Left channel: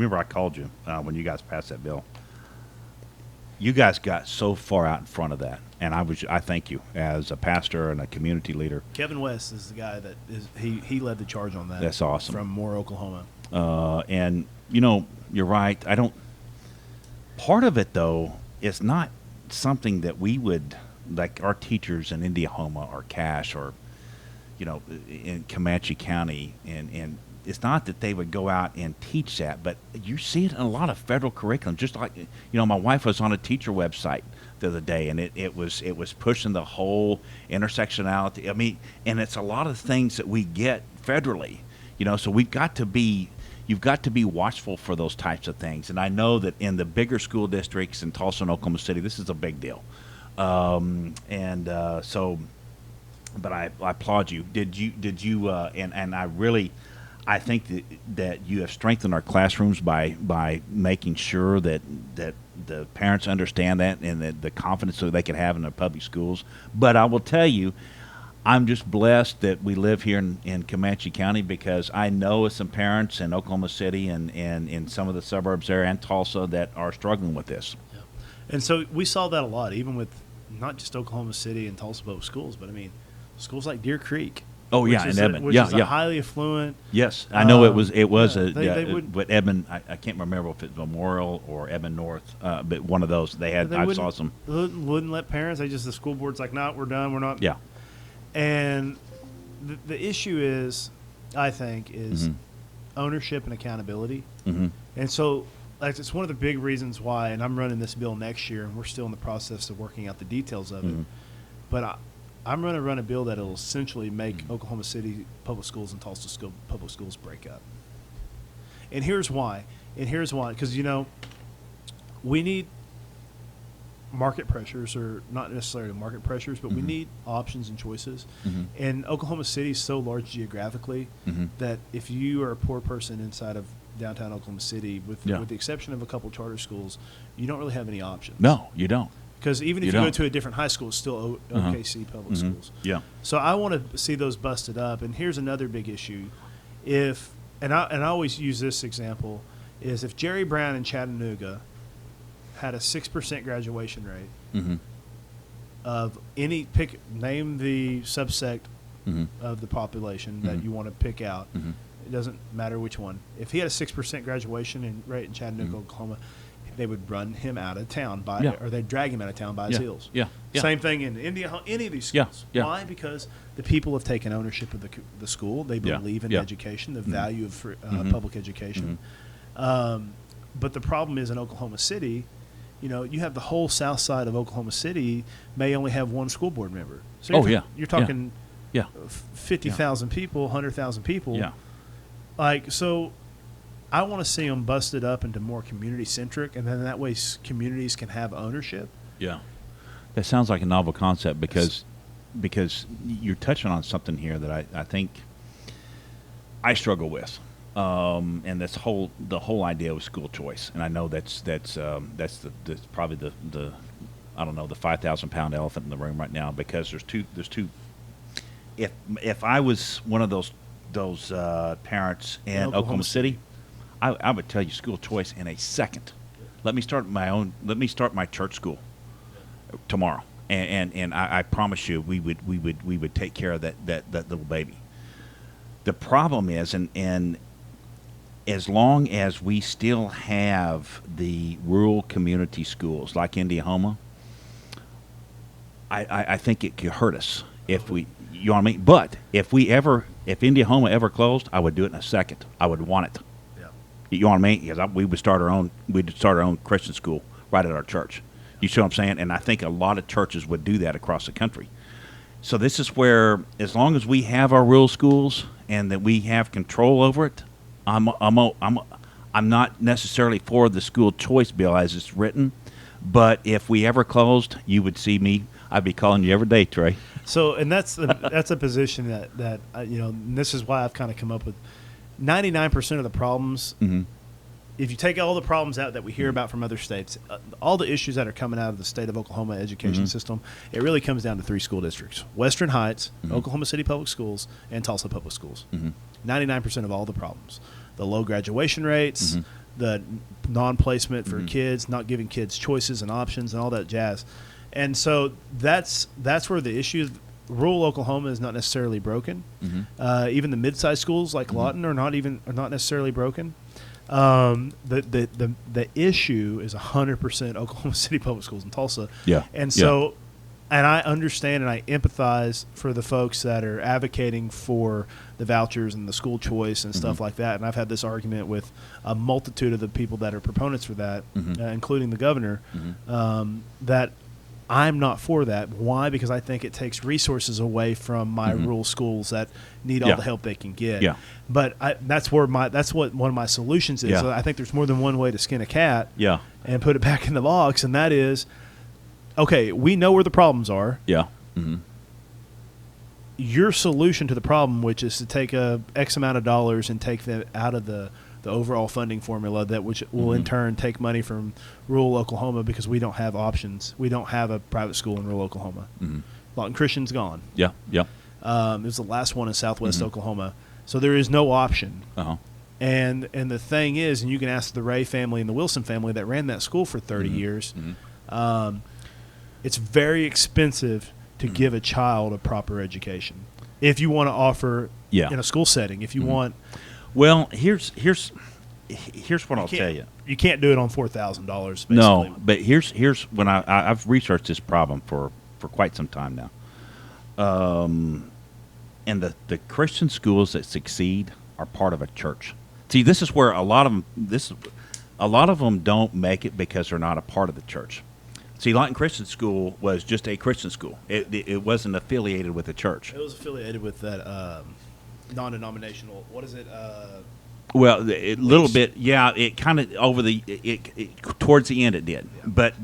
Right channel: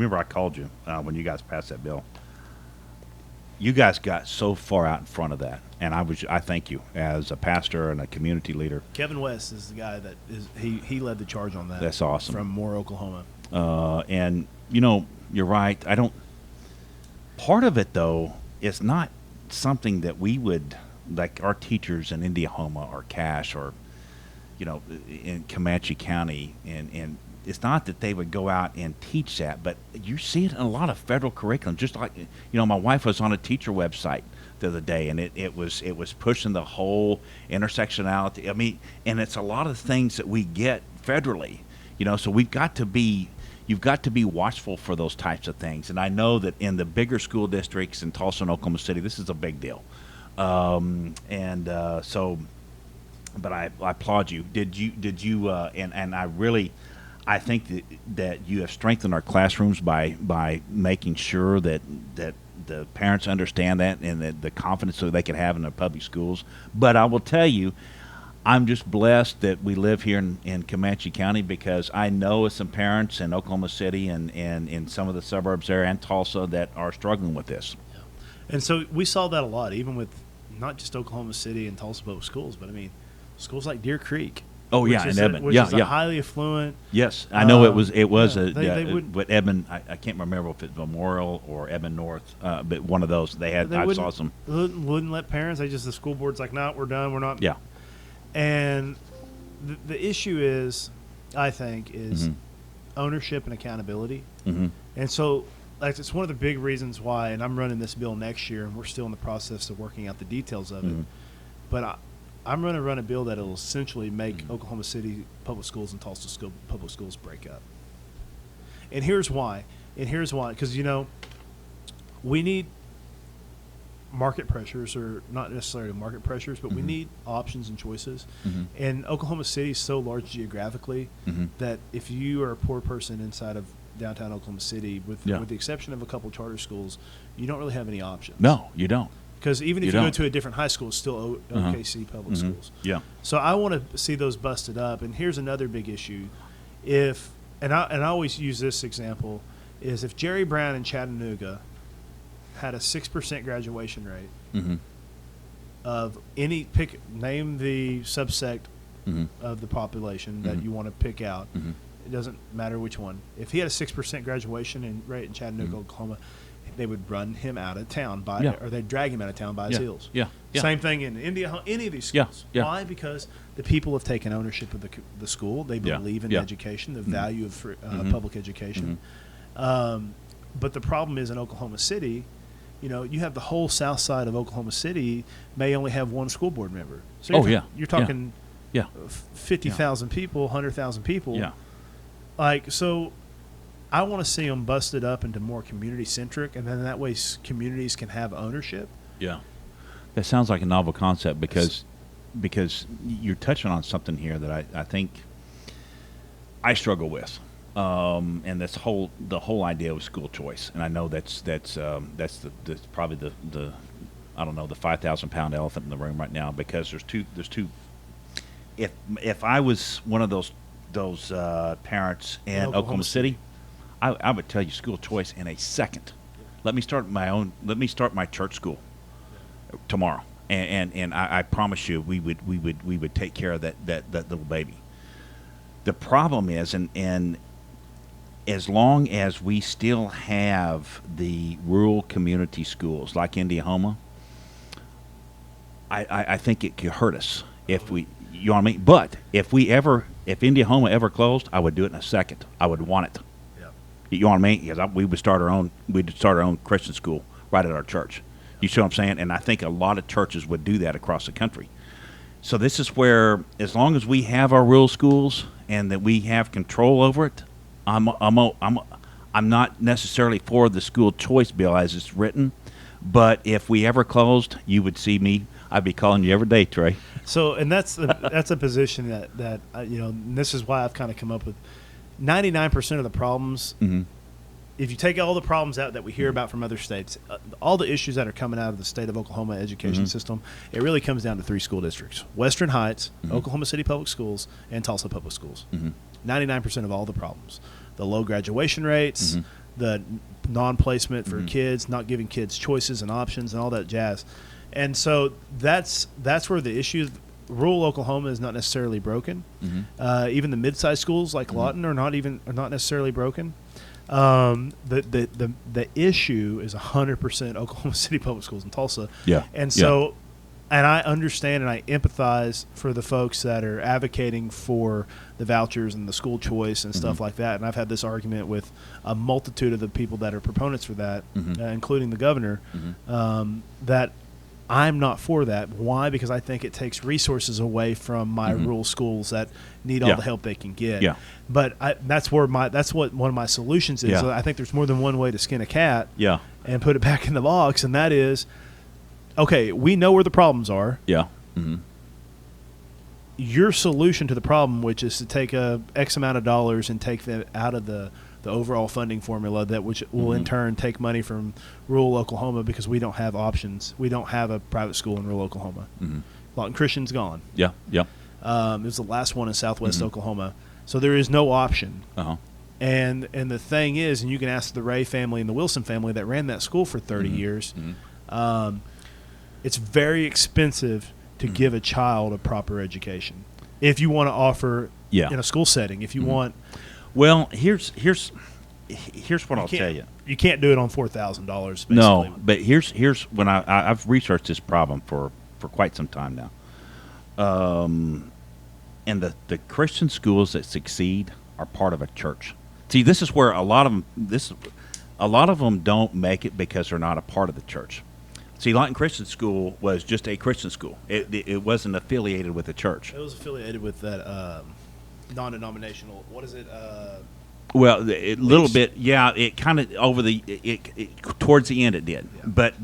remember I called you when you guys passed that bill. You guys got so far out in front of that, and I thank you as a pastor and a community leader. Kevin Wentz is the guy that he led the charge on that. That's awesome. From Royal Oklahoma. And you're right. I don't. Part of it though is not something that we would like our teachers in Indiahoma or Cache or in Comanche County, and it's not that they would go out and teach that, but you see it in a lot of federal curriculum. Just like my wife was on a teacher website the other day, and it was pushing the whole intersectionality. I mean, and it's a lot of things that we get federally. So you've got to be watchful for those types of things. And I know that in the bigger school districts in Tulsa and Oklahoma City, this is a big deal. But I applaud you. And I think that you have strengthened our classrooms by making sure that the parents understand that and that the confidence that they can have in their public schools. But I will tell you, I'm just blessed that we live here in Comanche County, because I know of some parents in Oklahoma City and in some of the suburbs there and Tulsa that are struggling with this. And so we saw that a lot, even with not just Oklahoma City and Hillsborough schools, but I mean, schools like Deer Creek. Oh yeah, in Edmond. Which Yeah, are yeah. highly affluent. Yes, I know it was but Edmond. I can't remember if it's Memorial or Edmond North, but one of those. They had. I saw some. Wouldn't let parents. They just the school board's like, no, we're done. We're not. Yeah. And the issue is, I think, is Mm-hmm. ownership and accountability. Mm-hmm. And so it's one of the big reasons why, and I'm running this bill next year, and we're still in the process of looking at the details of it. Mm-hmm. But I'm going to run a bill that will essentially make Mm-hmm. Oklahoma City public schools and Tulsa public schools break up. And here's why. Because, we need market pressures, or not necessarily market pressures, but Mm-hmm. we need options and choices. Mm-hmm. And Oklahoma City is so large geographically Mm-hmm. that if you are a poor person inside of downtown Oklahoma City, Yeah. with the exception of a couple charter schools, you don't really have any options. No, you don't. Because even You if you don't. go to a different high school, it's still Uh-huh. big city public Mm-hmm. schools. Yeah. So I wanted to see those busted up. And here's another big issue. And I always use this example, is if Jerry Brown in Chattanooga had a 6% graduation rate Mm-hmm. of name the subset Mm-hmm. of the population Mhm. you want to pick out. Mm-hmm. It doesn't matter which one. If he had a 6% graduation in Chattanooga, Mhm. Oklahoma, they would run him out of town. Yeah. Or they'd drag him out of town by Yeah. force. Yeah. Yeah. Same thing in India, any of these Yeah, schools. yeah. Why? Because the people have taken ownership of the school. They Yeah, believe in yeah. education. They Mhm. value it for Mhm. public education. Mm-hmm. But the problem is in Oklahoma City, you have the whole south side of Oklahoma City may only have one school board member. Oh yeah. You're Yeah. talking Yeah. 50,000 people, 100,000 people. Yeah. So I want to see them busted up into more community-centric, and then that way communities can have ownership. Yeah. That sounds like a novel concept because you're touching on something here that I think I struggle with, and the whole idea of school choice. And I know that's probably the I don't know, the 5,000 pound elephant in the room right now, because there's two. If I was one of those parents in Oklahoma City, I would tell you school choice in a second. Let me start my church school tomorrow, and I promise you we would take care of that little baby. The problem is, and as long as we still have the rural community schools like Indiahoma, I think it could hurt us if you know what I mean? But if Indiahoma ever closed, I would do it in a second. I would want it. You know what I mean? Because we'd start our own Christian school right at our church. You see what I'm saying? And I think a lot of churches would do that across the country. So this is where, as long as we have our rural schools and that we have control over it, I'm not necessarily for the school choice bill as it's written. But if we ever closed, you would see me. I'd be calling you every day, Trey. So, and that's a position that again, and this is why I've kind of come up with 99% of the problems. Mm-hmm. If you take all the problems out that we hear about from other states, like all the issues that are coming out of the state of Oklahoma education system, it really comes down to these schools: Western Heights, Oklahoma City Public Schools, and Tulsa Public Schools. 99% of all the problems: the low graduation rates, the placement Mhm. for kids, not giving kids choices and options and all that jazz. And so that's where the issue. Rural Oklahoma is not necessarily broken. Mhm. Even the mid-sized schools like Mhm. Lawton are not necessarily broken. The issue is 100% Oklahoma City public schools also. Yeah. And Yeah. so, and I understand and I empathize for the folks that are advocating for the vouchers and the school choice and Mhm. stuff like that. And I have this argument with a multitude of the people that are proponents of that, Mhm. including the governor, Mhm. that I'm not for that. Why? Because I think it takes resources away from my Mhm. rural schools that need Yeah. all the help they can get. Yeah. But that's what one of my solutions is. Yeah. I think there's more than one way to skin a cat. Yeah. And put it back in the box, and that is, okay, we know where the problems are. Yeah. Mhm. Your solution to the problem, which is to take X amount of dollars and take that out of the overall funding formula, that which we Mhm. in turn take money from rural Oklahoma because we don't have options. We don't have a private school in rural Oklahoma. Mhm. Well, Christian's gone. Yeah. Yeah. It's the last one in southeast Mhm. Oklahoma. So there is no option. Uh-huh. And the thing is, and you can ask the Ray family, the Wilson family that ran that school for 30 Mhm. years, Mhm. it's very expensive to Mm-hmm. give a child a proper education. If you want to offer Yeah. in a school setting, if you want, Well, here's what I'll tell you. you can't do it on $4,000. No, but here's when I've researched this problem for quite some time now. And the Christian schools that succeed are part of a church. See, this is where a lot of them don't make it because they're not a part of the church. See, Lawton Christian School was just a Christian school. It wasn't affiliated with the church. It was affiliated with non-denominational. What is it? Well, a little bit, yeah. It kind of over the towards the end it did, but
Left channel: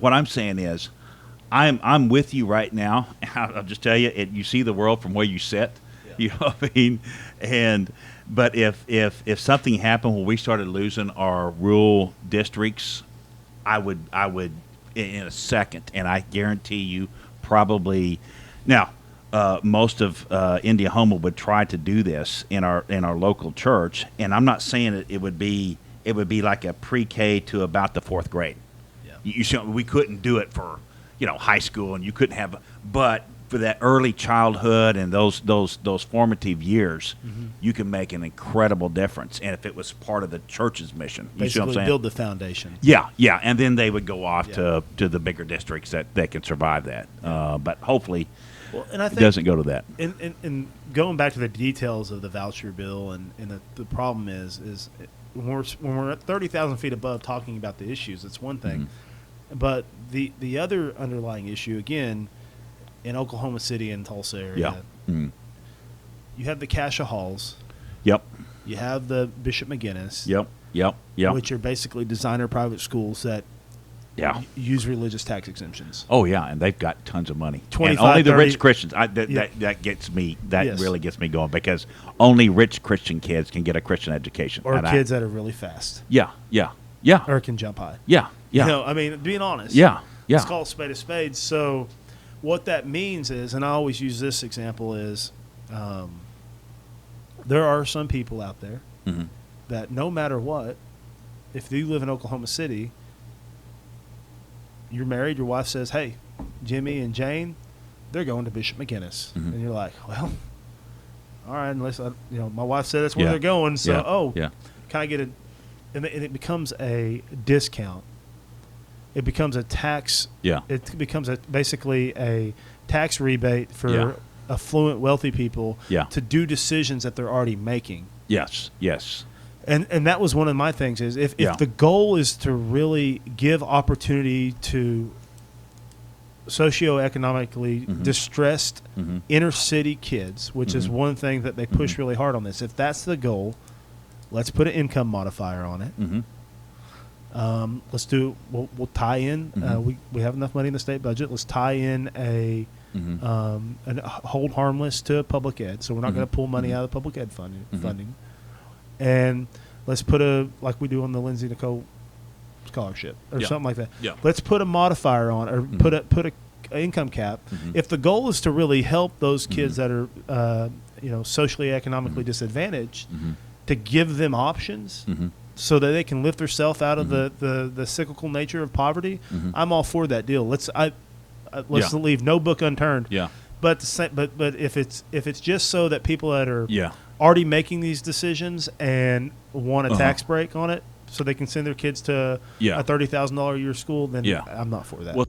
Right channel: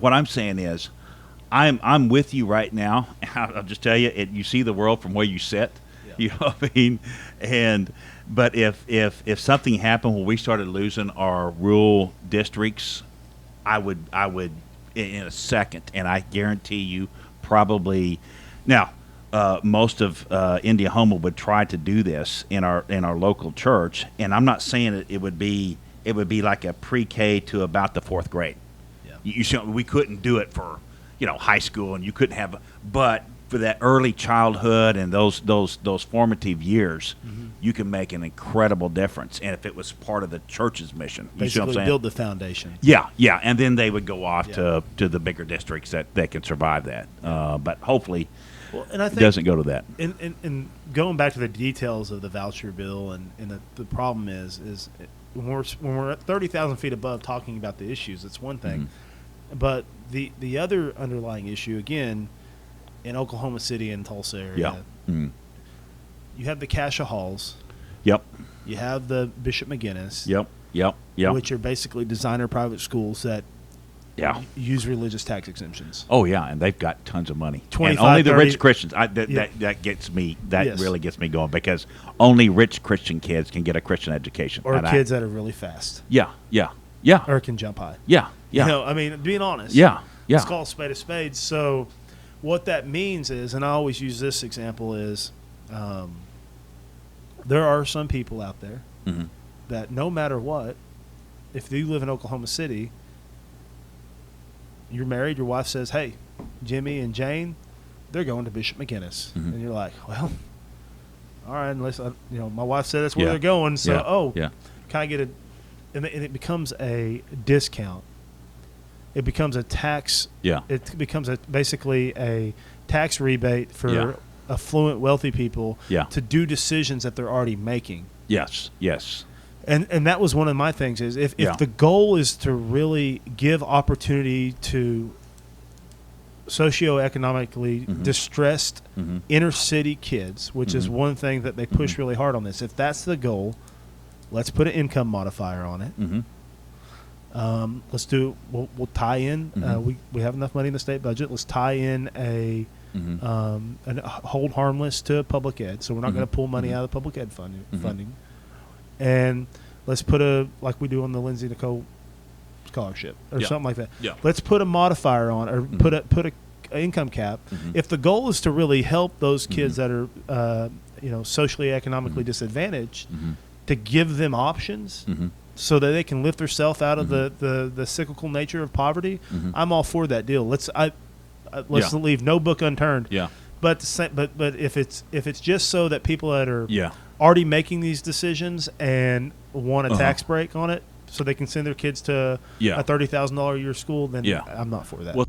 what I'm saying is, I'm with you right now. I'll just tell you, you see the world from where you sit. You know what I mean? But if something happened when we started losing our rural districts, I would in a second, and I guarantee you probably now. Most of Indiahoma would try to do this in our local church, and I'm not saying it would be like a pre-K to about the fourth grade. We couldn't do it for high school, and you couldn't have, but for that early childhood and those formative years, you can make an incredible difference. And if it was part of the church's mission, you see what I'm saying? Yeah, yeah, and then they would go off to the bigger districts that can survive that. But hopefully, it doesn't go to that. And going back to the details of the voucher bill, and the problem is when we're at 30,000 feet above talking about the issues, it's one thing. But the other underlying issue, again, in Oklahoma City and Tulsa, Yeah. you have the Cash Halls, Yep. you have the Bishop McGinnis, Yep. Yep. Yep. which are basically designer private schools that Yeah. use religious type of things. Oh yeah, and they've got tons of money, and only the rich Christians. That gets me. That really gets me going because only rich Christian kids can get a Christian education, and I. Kids that are really fast. Yeah. Yeah. Yeah. Or from John. Yeah. Yeah. I mean, being honest. Yeah. Yeah. It's all spade a spade. So what that means is, and I always use this example, is there are some people out there Mm-hmm. that no matter what, if you live in Oklahoma City, you're married, your wife says, hey, Jimmy and Jane, they're going to Bishop McGinnis. Mhm. And you're like, all right, look, my wife says Yeah. we're going. So, Yeah. oh, Yeah. can I get a, and it becomes a discount. It becomes a tax. Yeah. It becomes basically a tax rebate for Yeah. affluent, wealthy people Yeah. to do decisions that they're already making. Yes. Yes. And that was one of my things. Is if Yeah. the goal is to really give opportunity to socioeconomically Mhm. distressed Mhm. inner city kids, which is one thing that they push really hard on. Is if that's the goal, let's put an income modifier on it. Mm-hmm. Let's do we'll tie in. Mhm. We have enough money to say budget. Let's tie in Mm-hmm. a whole harmless to public ed. So we're not going to pull money out of public ed. Mm-hmm. And let's put it like we do on the Lindsay Nicole scholarship. Yeah. Something like that. Yeah. Let's put a modifier on it. Mhm. Put an income cap. Mhm. If the goal is to really help those Mhm. kids that are socially economically disadvantaged, Mhm. to give them options, Mm-hmm. so that they can lift themselves out Mhm. of the cyclical nature of poverty, Mhm. I'm all for that deal. Yeah. Let's leave no book unturned. Yeah. But if it's just so that people that are Yeah. already making these decisions and want a Uh-huh. tax break on it, so they can send their kids to Yeah. a $30,000 a year school, then Yeah. I'm Well,